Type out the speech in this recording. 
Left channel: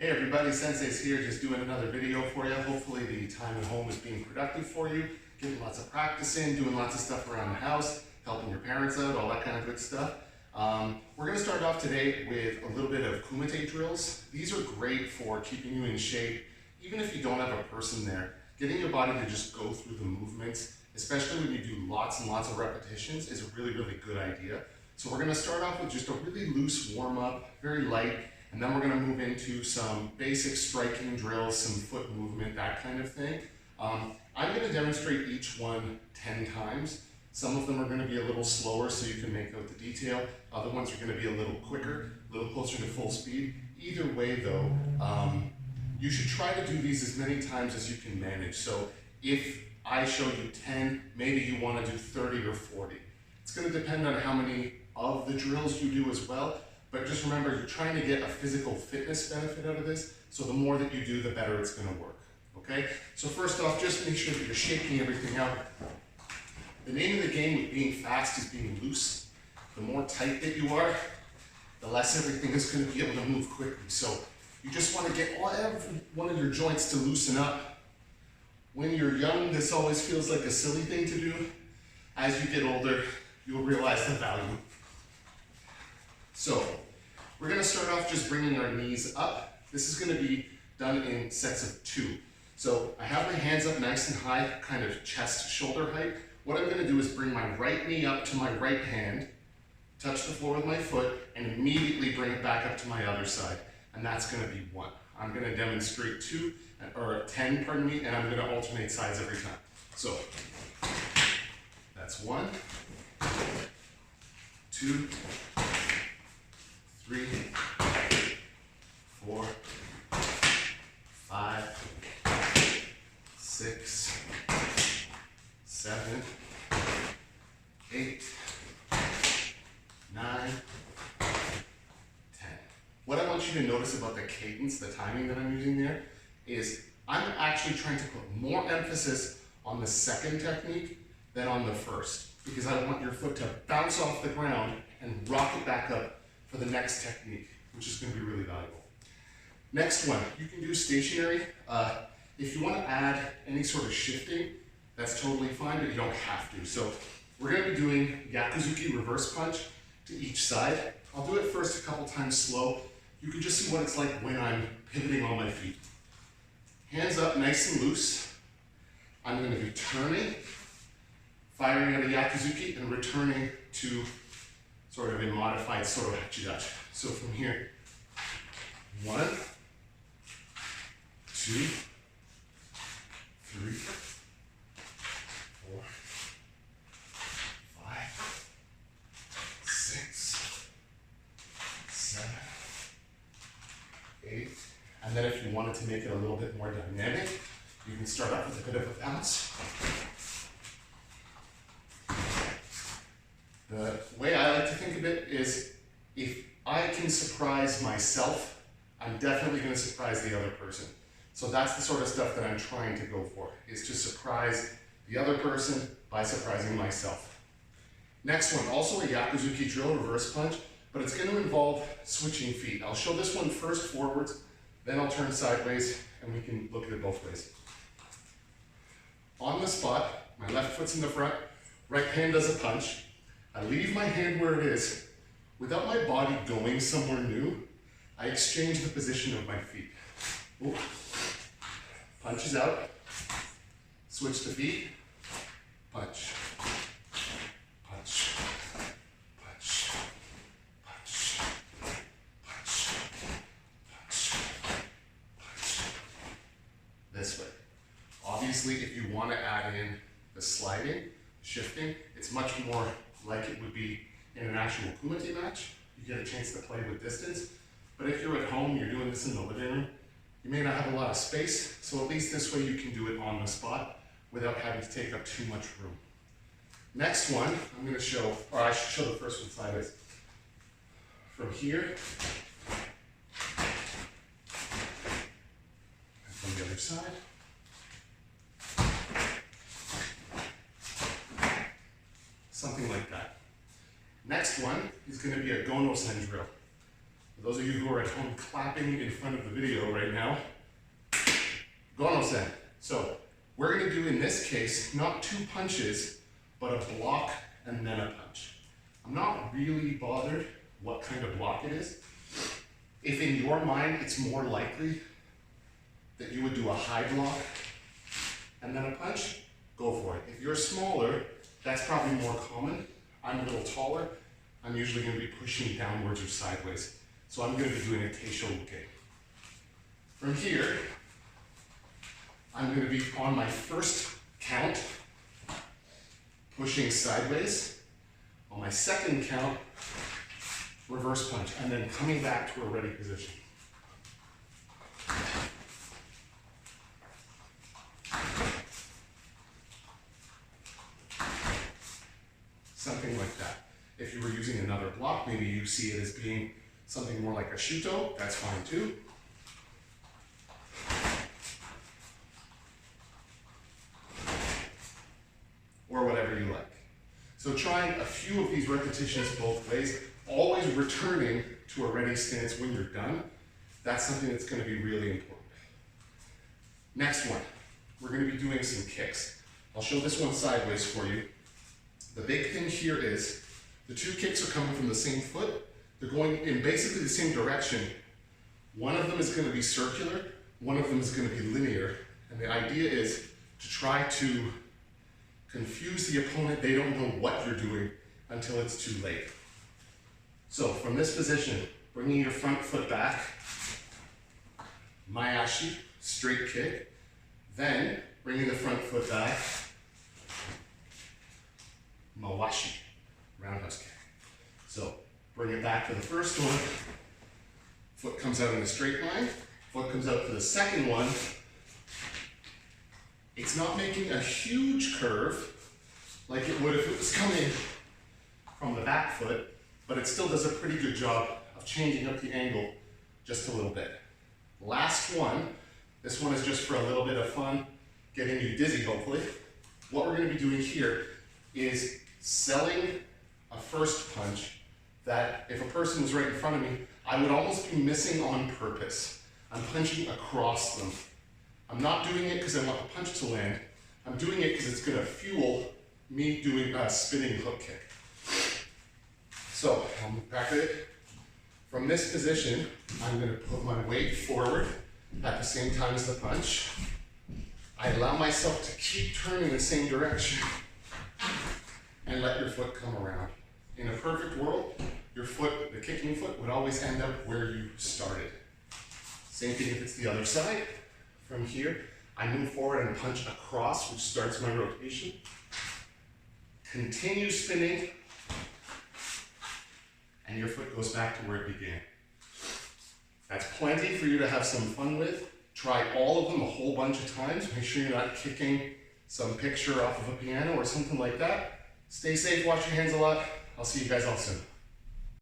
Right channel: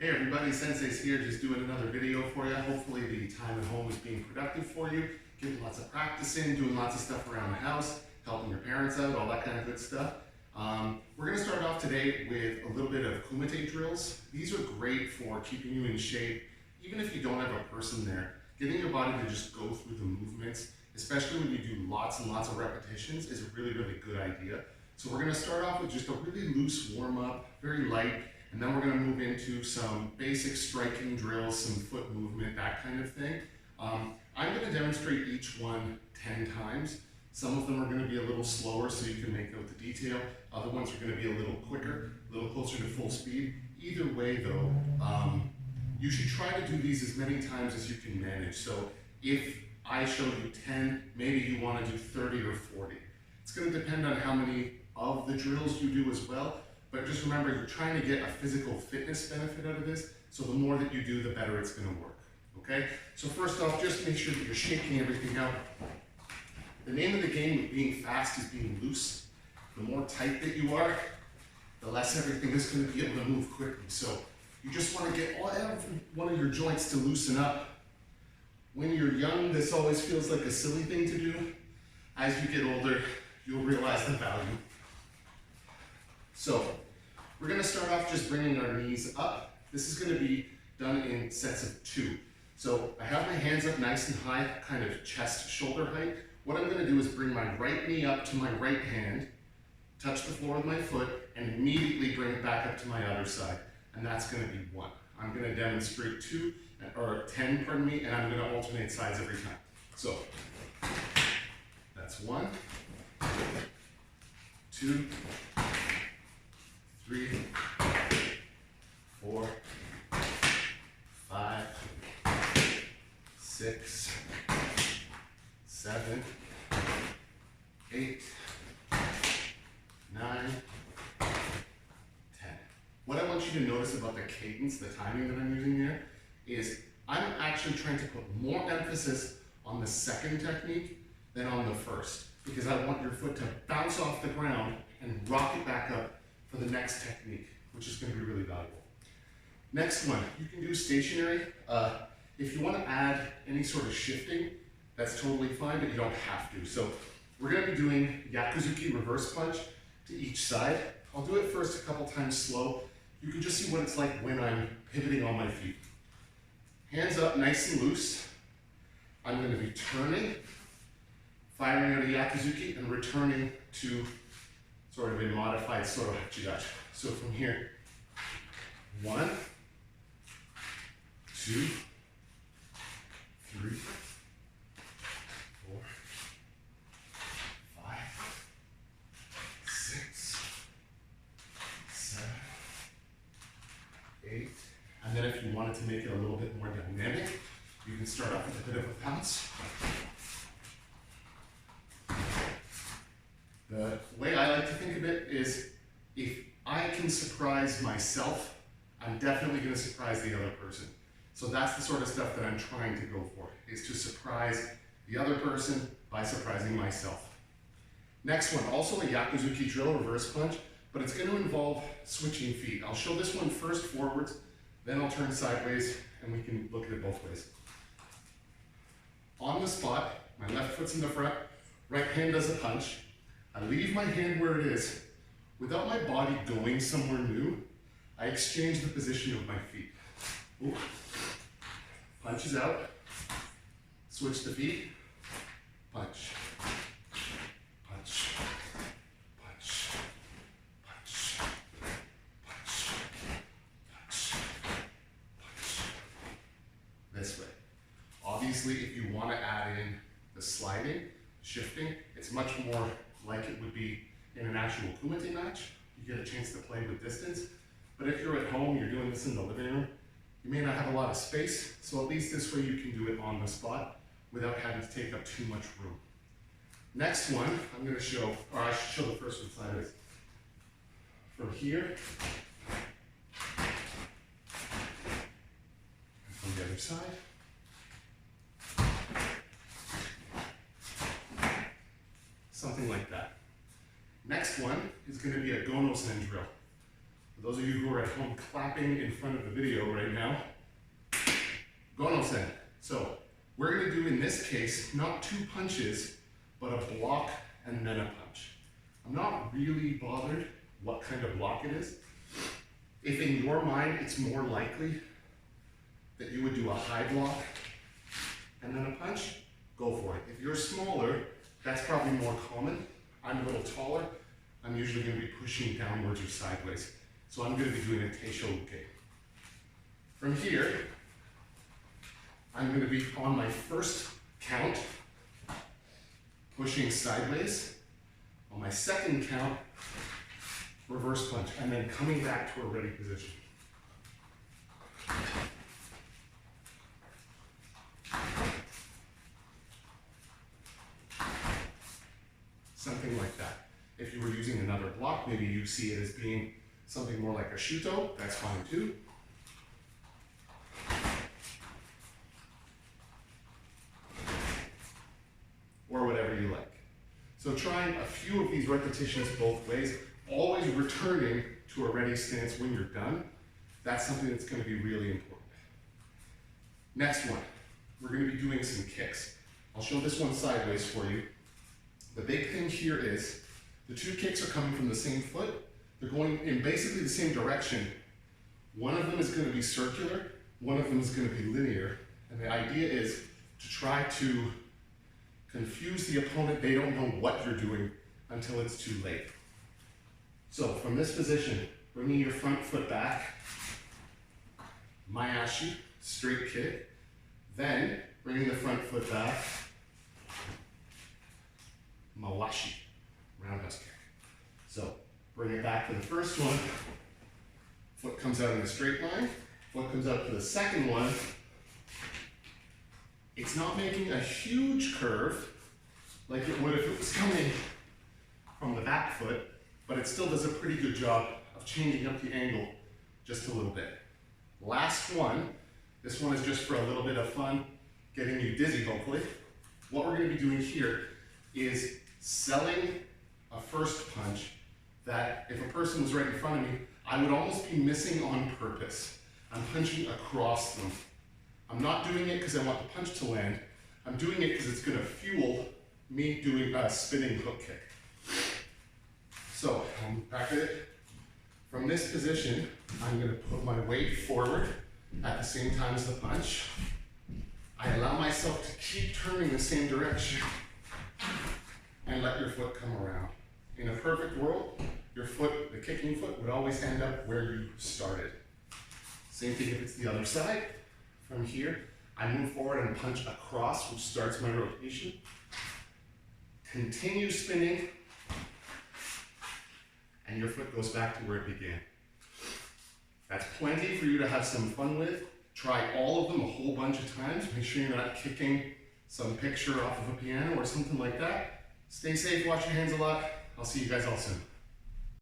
Hey everybody, Sensei's here, just doing another video for you. Hopefully the time at home is being productive for you, getting lots of practice in, doing lots of stuff around the house, helping your parents out, all that kind of good stuff. We're going to start off today with a little bit of kumite drills. These are great for keeping you in shape, even if you don't have a person there. Getting your body to just go through the movements, especially when you do lots and lots of repetitions, is a really, really good idea. So we're going to start off with just a really loose warm-up, very light, and then we're going to move into some basic striking drills, some foot movement, that kind of thing. I'm going to demonstrate each one 10 times. Some of them are going to be a little slower so you can make out the detail. Other ones are going to be a little quicker, a little closer to full speed. Either way though, you should try to do these as many times as you can manage. So if I show you 10, maybe you want to do 30 or 40. It's going to depend on how many of the drills you do as well. But just remember, you're trying to get a physical fitness benefit out of this, so the more that you do, the better it's going to work, okay? So first off, just make sure that you're shaking everything out. The name of the game with being fast is being loose. The more tight that you are, the less everything is going to be able to move quickly. So you just want to get every one of your joints to loosen up. When you're young, this always feels like a silly thing to do. As you get older, you'll realize the value. So we're going to start off just bringing our knees up. This is going to be done in sets of 2. So I have my hands up nice and high, kind of chest shoulder height. What I'm going to do is bring my right knee up to my right hand, touch the floor with my foot, and immediately bring it back up to my other side. And that's going to be 1. I'm going to demonstrate 10, pardon me, and I'm going to alternate sides every time. So that's 1, 2, 3, 4, 5, 6, 7, 8, 9, 10. What I want you to notice about the cadence, the timing that I'm using there, is I'm actually trying to put more emphasis on the second technique than on the first, because I want your foot to bounce off the ground and rock it back up for the next technique, which is going to be really valuable. Next one, you can do stationary. If you want to add any sort of shifting, that's totally fine, but you don't have to. So we're going to be doing yakuzuki reverse punch to each side. I'll do it first a couple times slow. You can just see what it's like when I'm pivoting on my feet. Hands up nice and loose. I'm going to be turning, firing out a yakuzuki, and returning to sort of a modified Soto Hachidachi. So from here, 1, 2, 3, 4, 5, 6, 7, 8. And then if you wanted to make it a little bit more dynamic, you can start up with a bit of a bounce. The way I like to think of it is, if I can surprise myself, I'm definitely going to surprise the other person. So that's the sort of stuff that I'm trying to go for, is to surprise the other person by surprising myself. Next one, also a yakuzuki drill, reverse punch, but it's going to involve switching feet. I'll show this one first forwards, then I'll turn sideways, and we can look at it both ways. On the spot, my left foot's in the front, right hand does a punch. I leave my hand where it is. Without my body going somewhere new, I exchange the position of my feet. Ooh. Punches out, switch the feet, punch, punch, punch, punch, punch, punch, punch. This way. Obviously, if you want to add in the sliding, shifting, it's much more like it would be in an actual kumite match. You get a chance to play with distance. But if you're at home, you're doing this in the living room, you may not have a lot of space, so at least this way you can do it on the spot without having to take up too much room. Next one, I'm going to show, or I should show the first one sideways. From here, and from the other side. Something like that. Next one is going to be a gono-sen drill. For those of you who are at home clapping in front of the video right now, gono-sen. So we're gonna do in this case, not 2 punches, but a block and then a punch. I'm not really bothered what kind of block it is. If in your mind it's more likely that you would do a high block and then a punch, go for it. If you're smaller, that's probably more common. I'm a little taller. I'm usually going to be pushing downwards or sideways. So I'm going to be doing a teishoken. From here, I'm going to be on my first count, pushing sideways. On my second count, reverse punch, and then coming back to a ready position. Something like that. If you were using another block, maybe you see it as being something more like a shuto, that's fine too. Or whatever you like. So trying a few of these repetitions both ways, always returning to a ready stance when you're done, that's something that's going to be really important. Next one, we're going to be doing some kicks. I'll show this one sideways for you. The big thing here is the 2 kicks are coming from the same foot. They're going in basically the same direction. One of them is going to be circular, one of them is going to be linear. And the idea is to try to confuse the opponent. They don't know what you're doing until it's too late. So from this position, bringing your front foot back, maeashi, straight kick, then bringing the front foot back, mawashi, roundhouse kick. So bring it back to the first one, foot comes out in a straight line, foot comes out to the second one. It's not making a huge curve like it would if it was coming from the back foot, but it still does a pretty good job of changing up the angle just a little bit. Last one, this one is just for a little bit of fun, getting you dizzy hopefully. What we're going to be doing here is selling a first punch that if a person was right in front of me, I would almost be missing on purpose. I'm punching across them. I'm not doing it because I want the punch to land. I'm doing it because it's going to fuel me doing a spinning hook kick. So I'm back at it. From this position, I'm going to put my weight forward at the same time as the punch. I allow myself to keep turning the same direction and let your foot come around. In a perfect world, your foot, the kicking foot, would always end up where you started. Same thing if it's the other side. From here, I move forward and punch across, which starts my rotation. Continue spinning, and your foot goes back to where it began. That's plenty for you to have some fun with. Try all of them a whole bunch of times. Make sure you're not kicking some picture off of a piano or something like that. Stay safe, wash your hands a lot. I'll see you guys all soon.